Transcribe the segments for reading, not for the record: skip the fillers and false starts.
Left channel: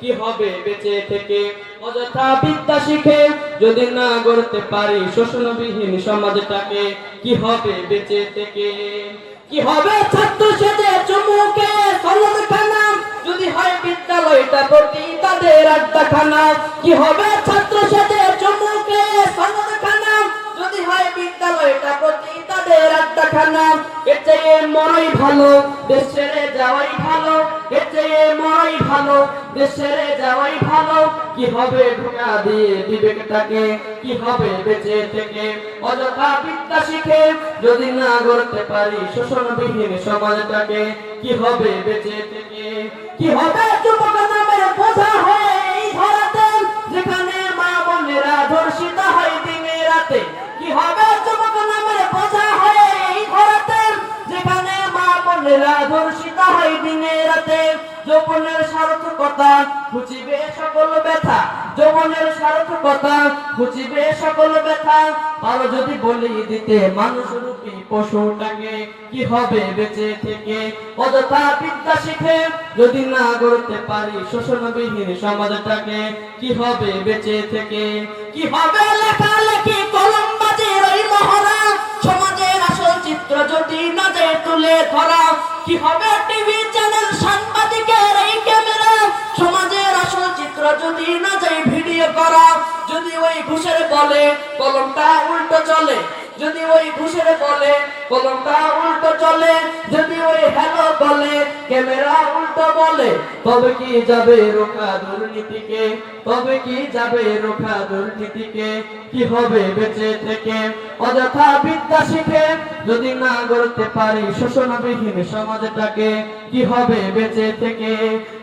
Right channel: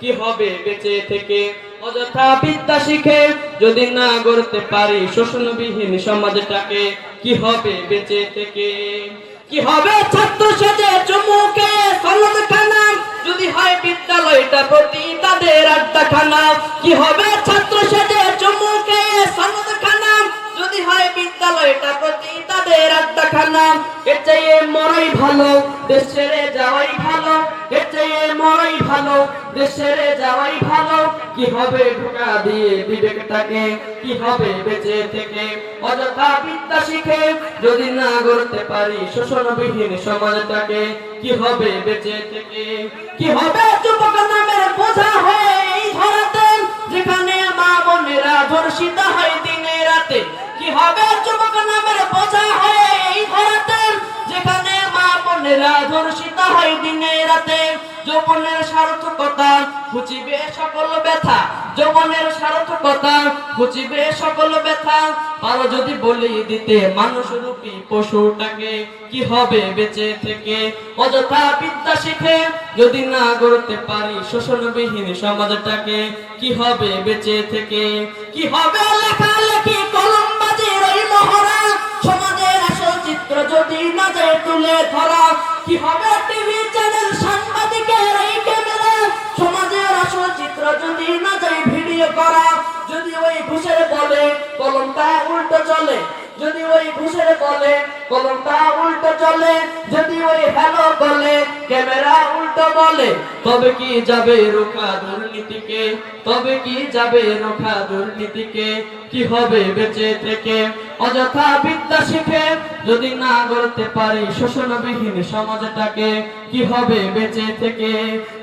কি হবে বেঁচে থেকে। অযথা বিদ্যা শিখে যদি না গড়তে পারি শোষণবিহীন সমাজটাকে, কি হবে বেঁচে থেকে। কি হবে ছাত্র সেজে চুমুকে সনদখানা, যদি হয় বিদ্যালয়টা প্রতি তাদের আড্ডাখানা। কি হবে ছাত্র সেজে চুমুকে সনদখানা, যদি হয় বিদ্যালয়টা প্রতি তাদের আড্ডাখানা। এর চেয়ে মরাই ভালো, দেশ ছেড়ে যাওয়াই ভালো। এর চেয়ে মরাই ভালো, দেশ ছেড়ে যাওয়াই ভালো। কি হবে ঢোকা দিয়ে বিবেকটাকে, কি হবে বেঁচে থেকে। অযথা বিদ্যা শিখে যদি না গড়তে পারি শোষণবিহীন সমাজটাকে, কি হবে বেঁচে থেকে। কি হবে যুবক নামের বোঝা হয়ে এই ধরাতে, যেখানে মা বোনেরা ধর্ষিত হয় দিনে রাতে। কি হবে যুবক নামের বোঝা হয়ে এই ধরাতে, যেখানে মা বোনেরা ধর্ষিত হয় দিনে রাতে। যৌবনের সার্থকতা ঘুচিবে সকল ব্যথা, যৌবনের সার্থকতা ঘুচিবে সকল ব্যথা। আর যদি বলি দিতে মানুষ রূপী পশুটাকে, কি হবে বেঁচে থেকে। অযথা বিদ্যা শিখে যদি না গড়তে পারি শোষণবিহীন সমাজটাকে, কি হবে বেঁচে থেকে। কি হবে লেখালেখি কলমবাজির ওই মহড়া, সমাজের আসল চিত্র যদি না যায় তুলে ধরা। কি হবে টিভি চ্যানেল সাংবাদিকের এই ক্যামেরা, সমাজের আসল চিত্র যদি না যায় ভিডিও করা। যদি ওই ঘুষের বলে কলমটা উল্টো চলে, যদি ওই ঘুষের বলে কলমটা উল্টো চলে। যদি ওই হ্যালো বলে ক্যামেরা উল্টো বলে, তবে কি যাবে রোখা দুর্নীতিকে, তবে কি যাবে রোখা দুর্নীতিকে। কি হবে বেঁচে থেকে। অযথা বিদ্যা শিখে যদি না গড়তে পারি শোষণবিহীন সমাজটাকে, কি হবে বেঁচে থেকে।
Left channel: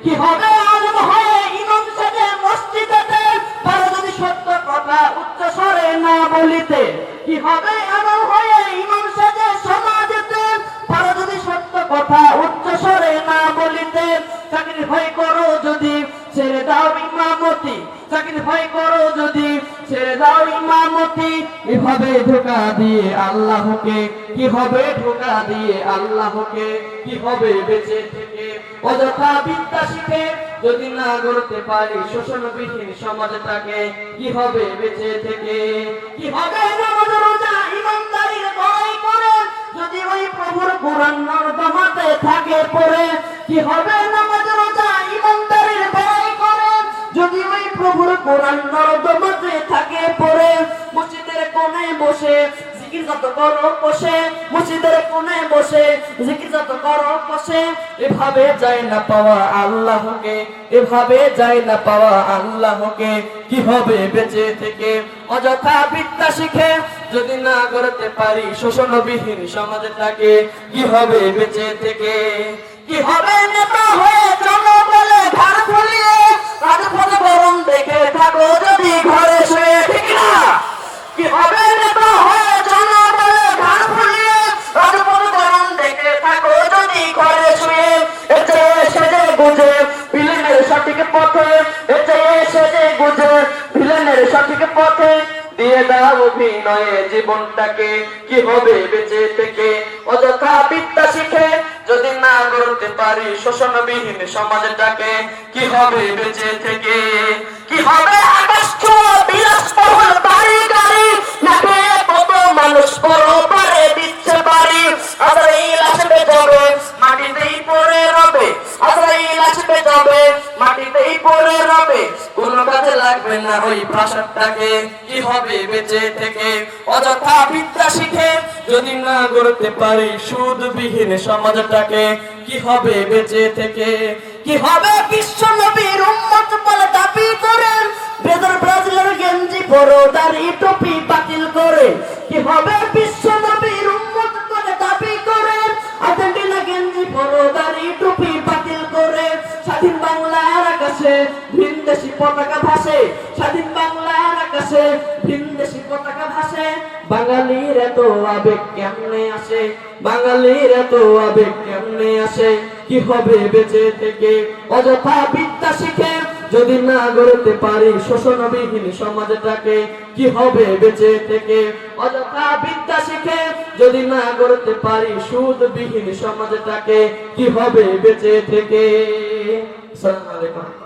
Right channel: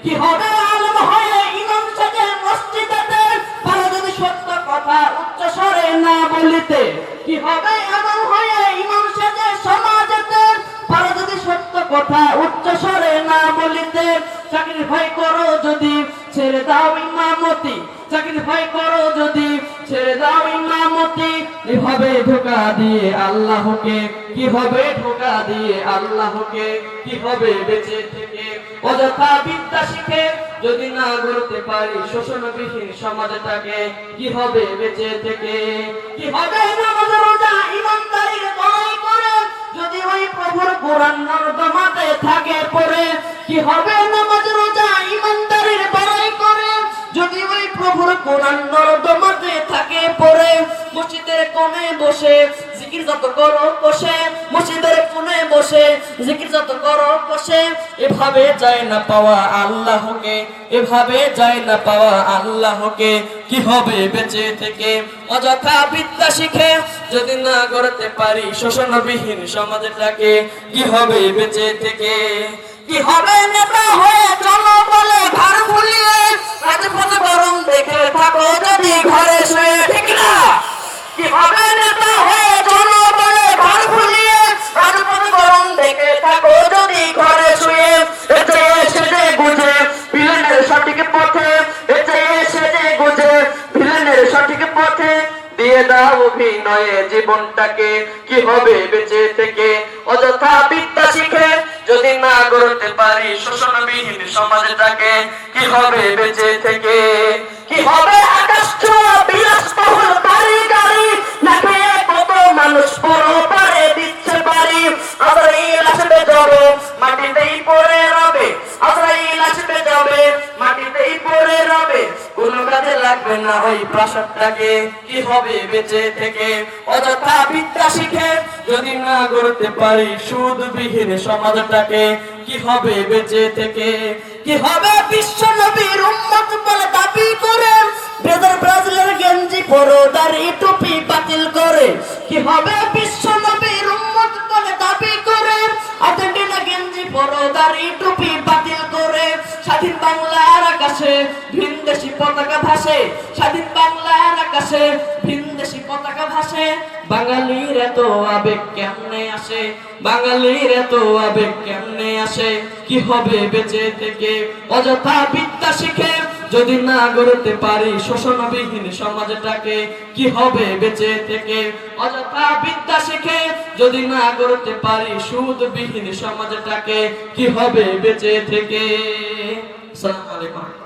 কি হবে আলেম হয়ে ইমাম সাজে মসজিদেতে, পারো যদি সত্য কথা উচ্চ স্বরে না বলিতে। কি হবে আলেম হয়ে ইমাম সাজে সমাজেতে, পারো যদি সত্য কথা উচ্চ স্বরে না বলিতে। চাকরি ভয় করো যদি ছেড়ে দাও ইমামতি, চাকরি ভয় করো যদি ছেড়ে দাও ইমামতি। এভাবে ধোঁকা দিয়ে আল্লাহকে, কি হবে ধোঁকা দিয়ে আল্লাহকে, কি হবে বেঁচে থেকে। অযথা বিদ্যা শিখে যদি না গড়তে পারি শোষণবিহীন সমাজটাকে, কি হবে বেঁচে থেকে। কি হবে নামাজ রোজা ইমানদারির বড়াই করে, যদি ওই প্রভুর কোরআন নর্দমাতে থাকে পড়ে। কি হবে নামাজ রোজা ইমানদারির বড়াই করে, যদি ওই প্রভুর কোরআন নর্দমাতে থাকে পড়ে। মসজিদের কোণে বসে জিকির যত করো বসে, মসজিদের কোণে বসে জিকির যত করো বসে। এভাবে যায় না পাওয়া আল্লাহকে, এভাবে যায় না পাওয়া আল্লাহকে, কি হবে বেঁচে থেকে। অযথা বিদ্যা শিখে যদি না গড়তে পারি শোষণবিহীন সমাজটাকে, কি হবে বেঁচে থেকে। কি হবে নেতা হয়ে জনবলে ঘর ফুলিয়ে, রাজপথ গরম দেখে থাকো যদি ঘরে শুয়ে, ঠিক না। কি হবে নেতা হয়ে জনবলে ঘর ফুলিয়ে, রাজপথ গরম দেখে থাকো যদি ঘরে শুয়ে। এতে সেজে গুজে ভিলেনের সঠিক পথে, এতে সেজে গুজে ভিলেনের সঠিক পথে। দিয়ে দাও অভিনয়ে জীবনটাকে, কি হবে বেঁচে থেকে। অযথা বিদ্যা শিখে যদি না গড়তে পারি শোষণবিহীন সমাজটাকে, কি হবে বেঁচে থেকে। কি হবে আকাশ ছোঁয়া বিলাসবহুল বাড়ি গাড়ি, না পেয়ে কত মানুষ পরপারে দিচ্ছে বাড়ি। আজরাইল আসবে যাবে মাটিতেই পড়ে রবে, আজরাইল আসবে যাবে মাটিতেই পড়ে রবে। কোনো কাজে লাগবে না ওই প্রাসাদটাকে, কি হবে বেঁচে থেকে। অযথা বিদ্যা শিখে যদি না গড়তে পারি সুদবিহীন সমাজটাকে, কি হবে বেঁচে থেকে। কি হবে বিশ্ব নবীর উম্মত বলে দাবি করে, ব্রাজিলের গেঞ্জি পরো দাড়ি টুপি বাতিল করে। কি হবে বিশ্ব নবীর উম্মত বলে দাবি করে, আর্জেন্টিনা গেঞ্জি পরো দাড়ি টুপি বাতিল করে। স্বাধীন বাংলার আকাশে ভিনদেশি পতাকা ভাসে, স্বাধীন বাংলার আকাশে ভিনদেশি পতাকা ভাসে। বাঙালির এত আবেগ কেমনে আসে, বাঙালির এত আবেগ কেমনে আসে, কি হবে বেঁচে থেকে। অযথা বিদ্যা শিখে যদি না গড়তে পারি শোষণবিহীন সমাজটাকে, কি হবে বেঁচে থেকে। অযথা বিদ্যা শিখে যদি না গড়তে পারি সুদবিহীন সমাজটাকে, কি হবে বেঁচে থেকে। আসসালামু আলাইকুম।